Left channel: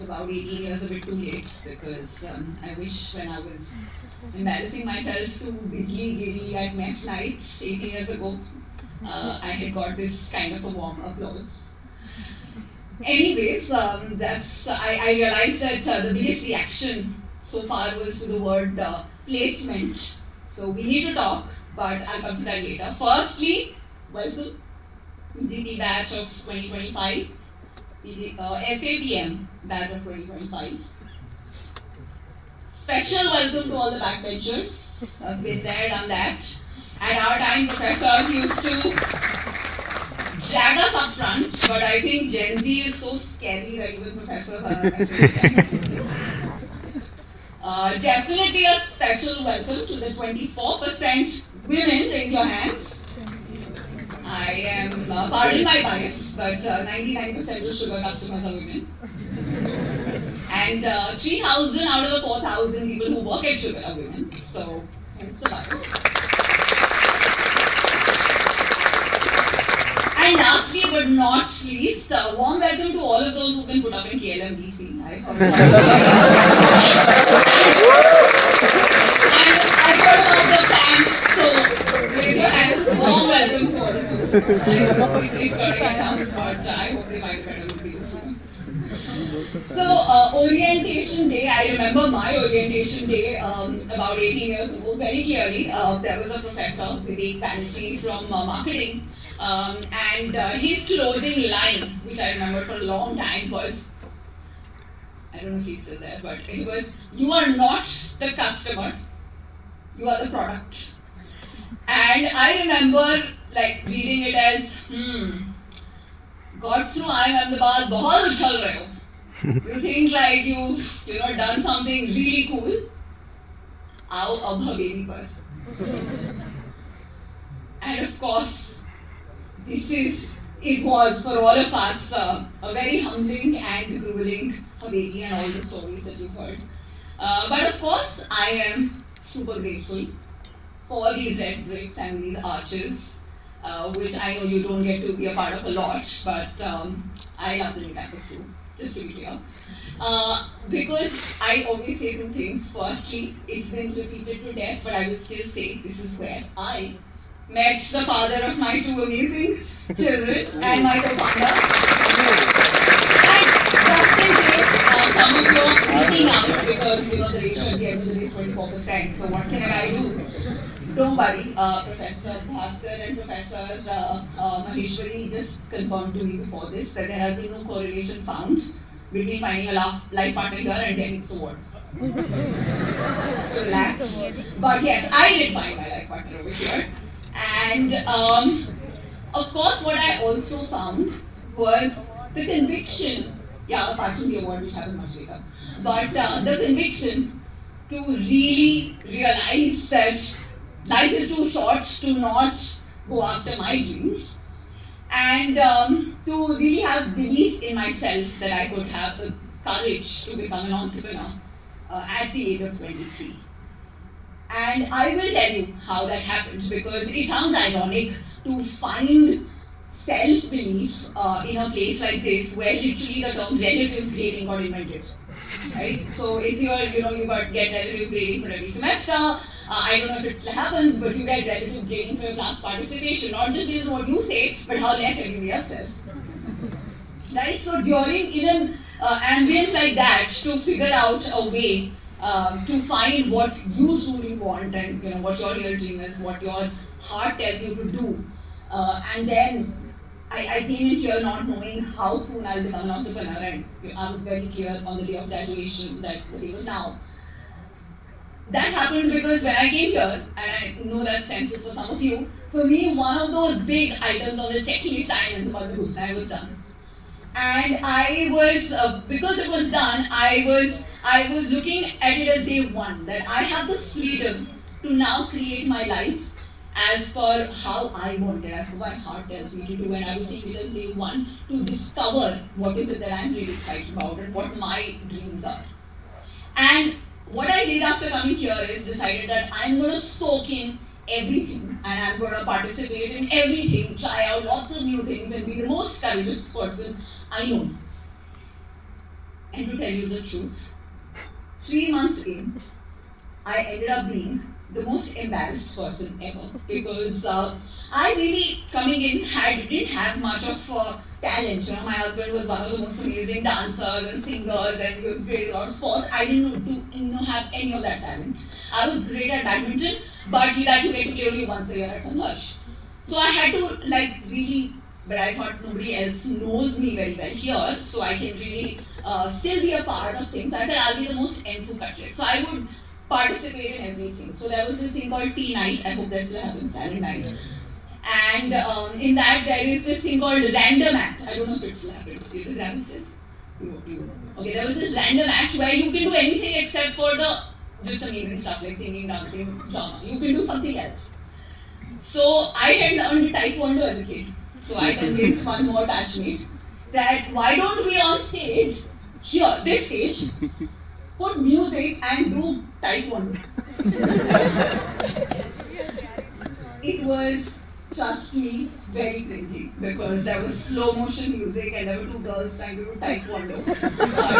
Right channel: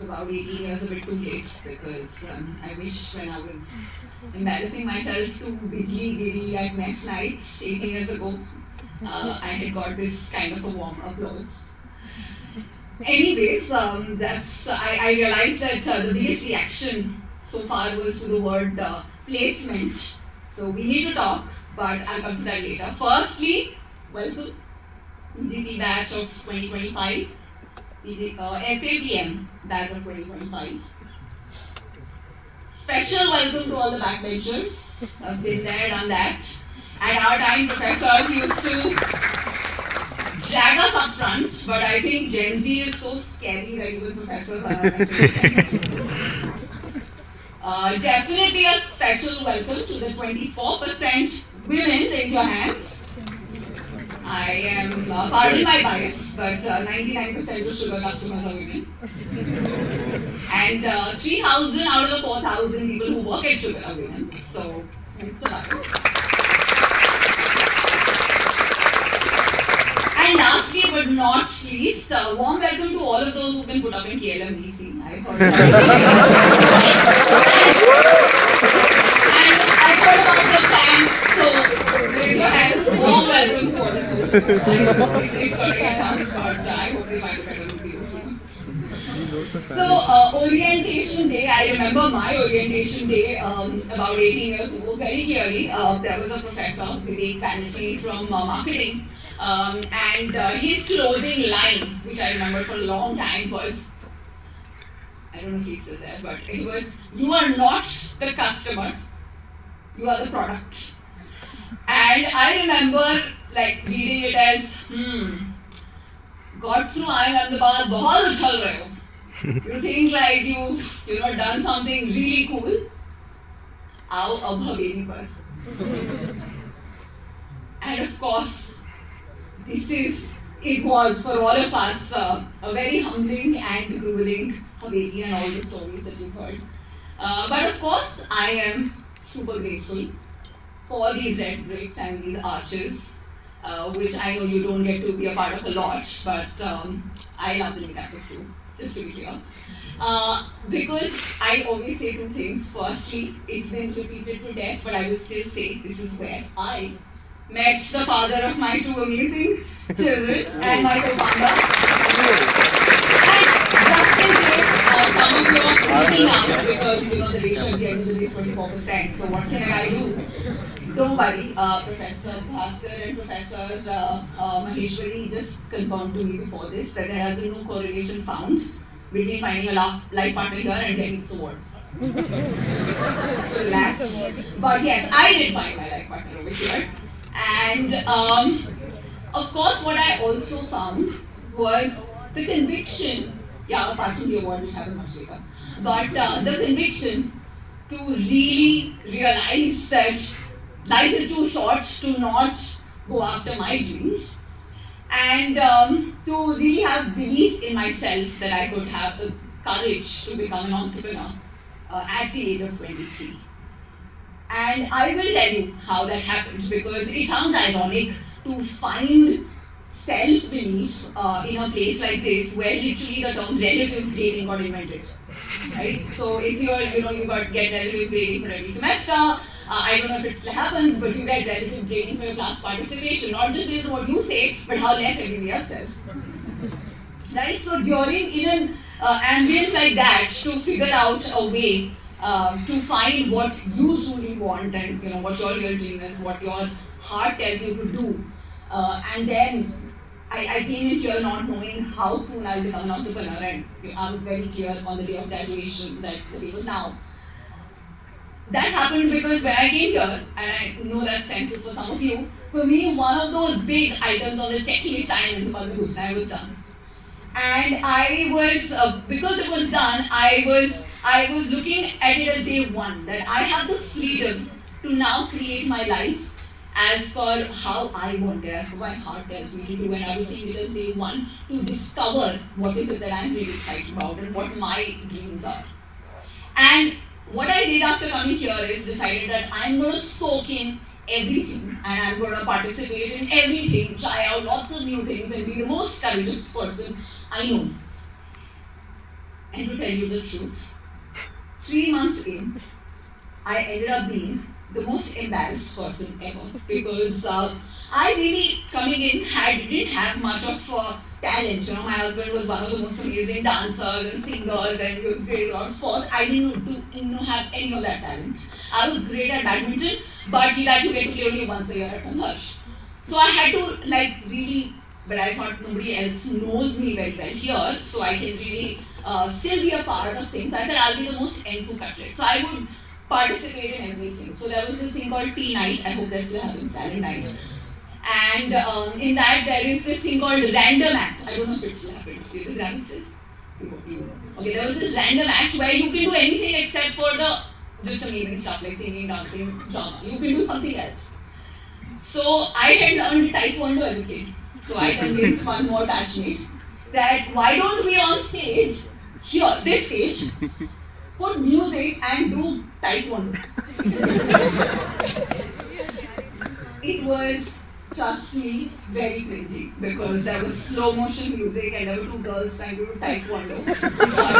it's about 18 years a bit too late because I wish when I was embarrassing myself to Bijli Giri at mess night 18 years ago, I had got this kind of a warm applause. Anyways, I realized that the biggest reaction so far was to the word placement. So we need to talk, but I'll come to that later. Firstly, welcome PGP batch of 2025, FAPM batch of 2025. Special welcome to all the backbenchers. I've been there, done that. At our time, professors used to drag us up front, but I think Gen Z is so scary that even professors are afraid. Definitely a special welcome to the 24% women. Raise your hands. I am, pardon my bias, but 99% of sugar customers are women. And 3,000 out of the 4,000 people who work at sugar are women. So, hence the bias. And lastly but not least, warm welcome to all of those who've been put up in KLMDC. I heard and I heard about the fan, so raise your hands. Warm welcome to all of you. It's going to get tough, but I hope they find a better with you soon. So, orientation day, I remember my orientation day about 18 years ago very clearly. There was a professor, Vivek Banerjee from marketing, and his closing line, which I remember for a long time, was, I don't know if he's still there, but it was, "You are not the customer, you are the product." And I remember like reading it as, got through Ahmedabad, बहुत उछल रहे हो. You think like you've done something really cool? आओ अब हवेली पर. And of course, it was for all of us a very humbling and grueling Haveli and all the stories that you've heard. But of course, I am super grateful for these red bricks and these arches, which I know you don't get to be a part of a lot, but I love the new campus too, just to be clear. Because I always say two things. Firstly, it's been repeated to death, but I will still say this is where I met the father of my two amazing children and my co-founder. And just in case some of you are freaking out because the ratio at the end of the day is 24%, so what can I do? Don't worry, Professor Bhaskar and Professor Maheshwari just confirmed to me before this that there has been no correlation found between finding a life partner here and getting this award. So relax. But yes, I did find my life partner over here. And of course, what I also found was the conviction, apart from the award which happened much later, but the conviction to really realize that life is too short to not go after my dreams, and to really have belief in myself that I could have the courage to become an entrepreneur at the age of 23. And I will tell you how that happened, because it sounds ironic to find self-belief in a place like this where literally the term relative grading got invented. Right? So if you get relative grading for every semester, I don't know if it still happens, but you get relative grading for your class participation, not just based on what you say, but how less everybody else says. Right? So in an ambience like that, to figure out a way to find what you truly want and what your real dream is, what your heart tells you to do, and then I came in here not knowing how soon I'll become an entrepreneur, and I was very clear on the day of graduation that the day was now. That happened because when I came here, and I know that sense is for some of you, for me one of those big items on the checklist item was done. And I was, because it was done, I was looking at it as day one, that I have the freedom to now create my life as per how I want it, as per my heart tells me to do, and I was seeing it as day one to discover what is it that I'm really excited about and what my dreams are. And what I did after coming here is decided that I'm going to soak in everything and I'm going to participate in everything, try out lots of new things and be the most courageous person I know. And to tell you the truth, 3 months in, I ended up being the most embarrassed person ever because I really coming in didn't have much of talent. You know, my husband was one of the most amazing dancers and singers, and he was great at a lot of sports. I didn't have any of that talent. I was great at badminton, but he had to get to play only once a year at Sangharsh. So I had to really, but I thought nobody else knows me very well here, so I can really still be a part of things. So I said I'll be the most enthu cutlet. So I would participate in everything. So there was this thing called tea night. I hope that still happens, talent night. And in that there is this thing called random act. I don't know if it still happens. Does it happen still? Okay, there was this random act where you can do anything except for the just amazing stuff like singing, dancing, drama. You can do something else. So I had learned Taekwondo as a kid. So I convinced one more batchmate that why don't we on stage, here, this stage, put music and do Taekwondo. It was, trust me, very crazy because there was slow motion music and there were 2 girls trying to do Taekwondo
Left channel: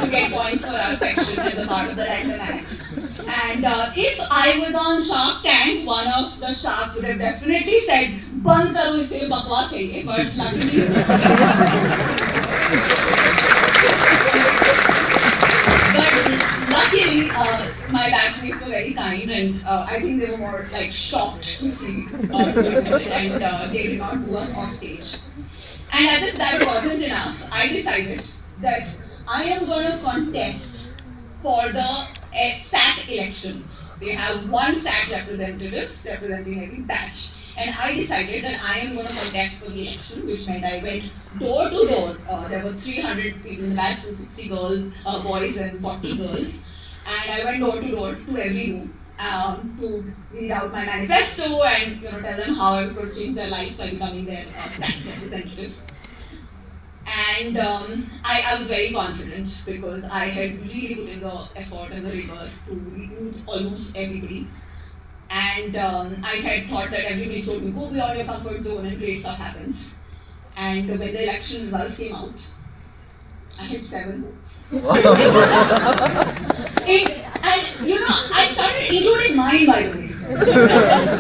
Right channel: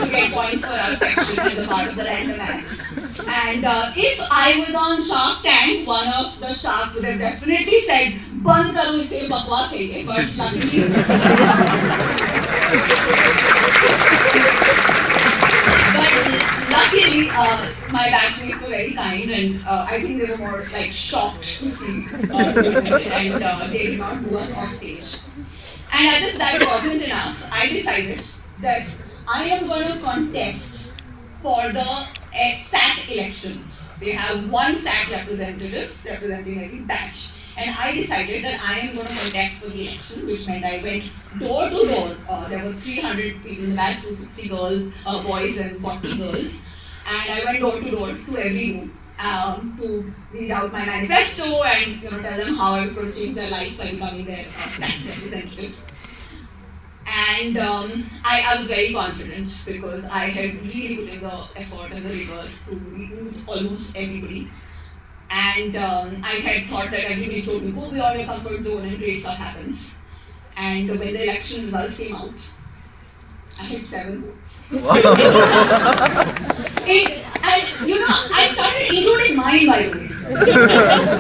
to get points for our section as a part of the random act. And if I was on Shark Tank, one of the sharks would have definitely said, "Band karo ise, bakwas hai ye," but luckily. But luckily, my batchmates were very kind, and I think they were more shocked to see it, and they did not do us off stage. And as if that wasn't enough, I decided that I am going to contest for the SAC elections. They have one SAC representative representing every batch. And I decided that I am going to contest for the election, which meant I went door to door. There were 300 people in the batch, 260 girls, boys and 40 girls. And I went door to door to every room to read out my manifesto and tell them how I was going to change their lives by becoming their SAC representative. And I was very confident because I had really put in the effort and the rigor to meet almost everybody. And I had thought that everybody told me, go beyond your comfort zone and great stuff happens. And when the election results came out, I had 7 votes. I started including mine, by the way.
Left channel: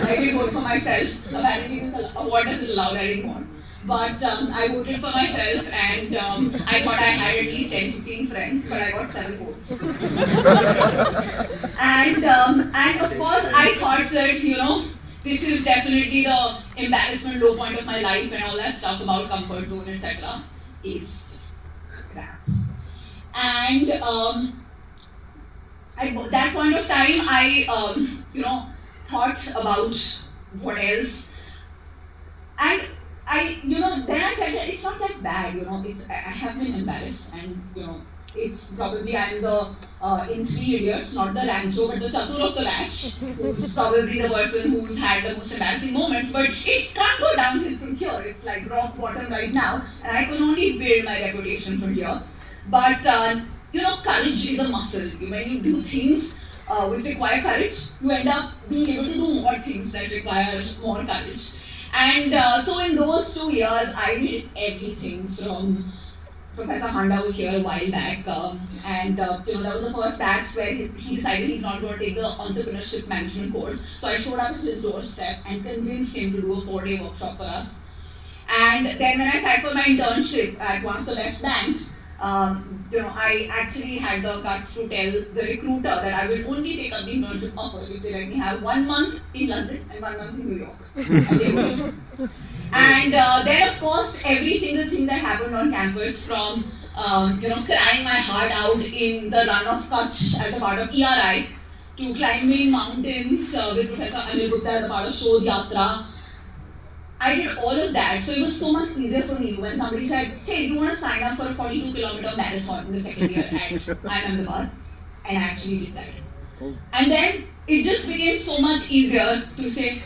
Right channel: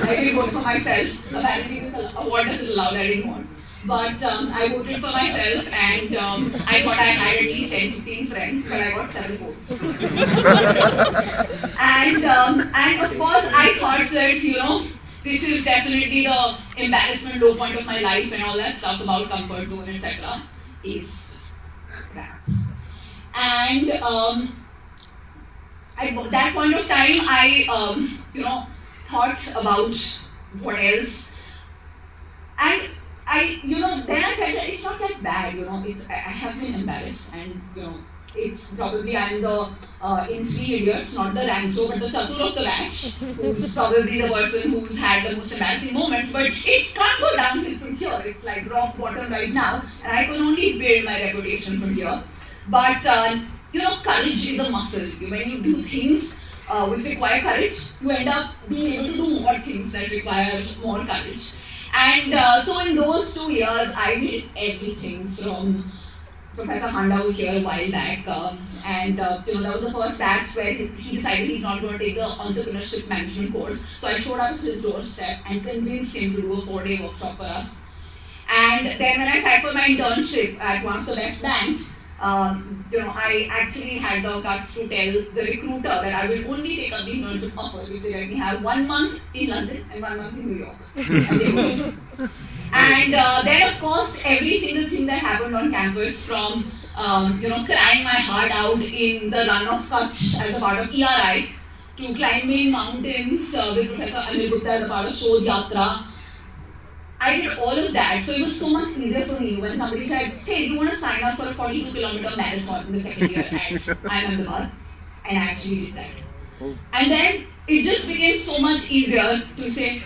I didn't vote for myself. Apparently, this award isn't allowed anymore. But I voted for myself, and I thought I had at least 10-15 friends, but I got 7 votes. And of course, I thought that, this is definitely the embarrassment low point of my life and all that stuff about comfort zone, etc. is just crap. And at that point of time, I, thought about what else. And then I felt that it's not that bad, I have been embarrassed, and, it's probably I'm the, in 3 Idiots, not the Rancho, but the Chatur of the batch, who's probably the person who's had the most embarrassing moments, but it can't go downhill from here. It's like rock bottom right now, and I can only build my reputation from here. But, courage is a muscle. When you do things which require courage, you end up being able to do more things that require more courage. And so in those 2 years, I did everything from Professor Handa was here a while back, and that was the first batch where he decided he's not going to take the entrepreneurship management course. So I showed up at his doorstep and convinced him to do a 4-day workshop for us. And then when I sat for my internship at one of the best banks, I actually had the guts to tell the recruiter that I will only take up the internship offer if they let me have 1 month in London and 1 month in New York. And they would. And then, of course, every single thing that happened on campus, from crying my heart out in the run of Kutch as a part of ERI, to climbing mountains with Professor Anil Gupta as a part of Shodh Yatra. I did all of that, so it was so much easier for me when somebody said, hey, do you want to sign up for a 42-kilometer marathon in the second year at Ahmedabad? And I actually did that. And then it just became so much easier to say,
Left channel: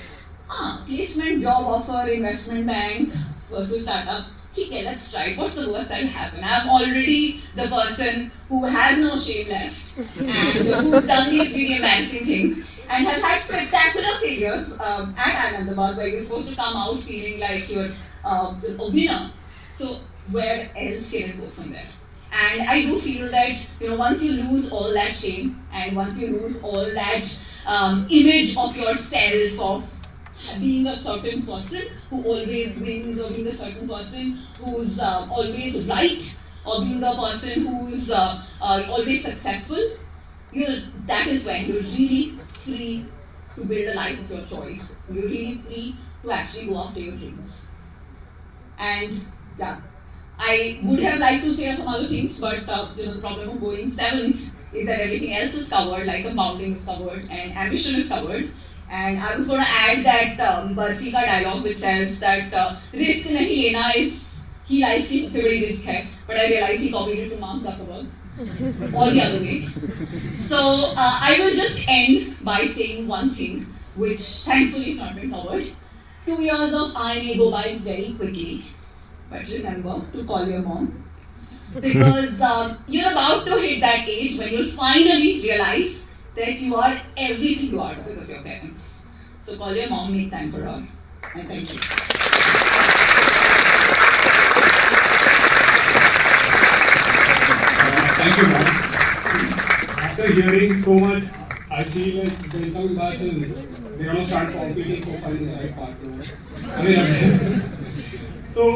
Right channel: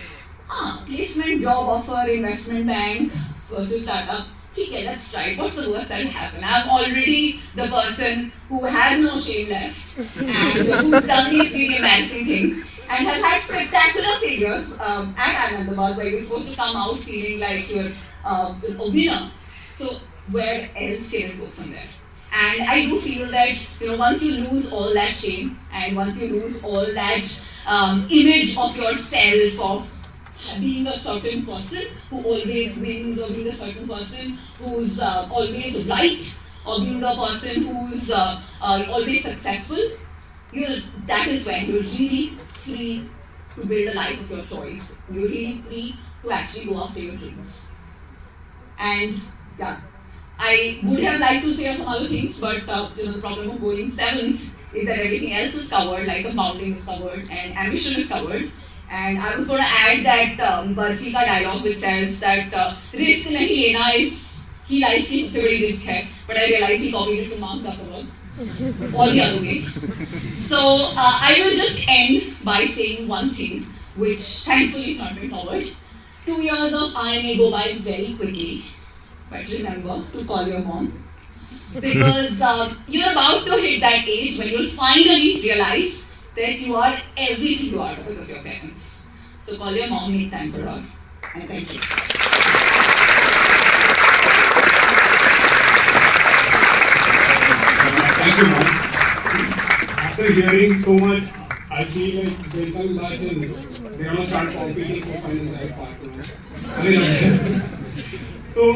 placement, job offer, investment bank versus startup. Okay, let's try it. What's the worst that will happen? I'm already the person who has no shame left and who's done these really embarrassing things and has had spectacular failures at Ahmedabad, where you're supposed to come out feeling like you're a winner. So where else can it go from there? And I do feel that once you lose all that shame, and once you lose all that image of yourself, of being a certain person who always wins, or being a certain person who's always right, or being a person who's always successful, that is when you're really free to build a life of your choice. You're really free to actually go after your dreams. And yeah, I would have liked to say some other things, but the problem of going seventh is that everything else is covered, like compounding is covered and ambition is covered. And I was going to add that Barfi ka dialogue which says that risk nahi lena is he life की सबसे बड़ी risk है, but I realized he copied it from Mark Zuckerberg, all the other way. So I will just end by saying one thing, which thankfully is not been covered. 2 years of I may go by very quickly, but remember to call your mom, because you're about to hit that age when you'll finally realize that you are everything you are because of your parents. So call your mom, make time for her, and thank you. Thank you, ma'am. After hearing so much, I feel like the incoming batches, they're going to start competing for finding the right partner. I mean,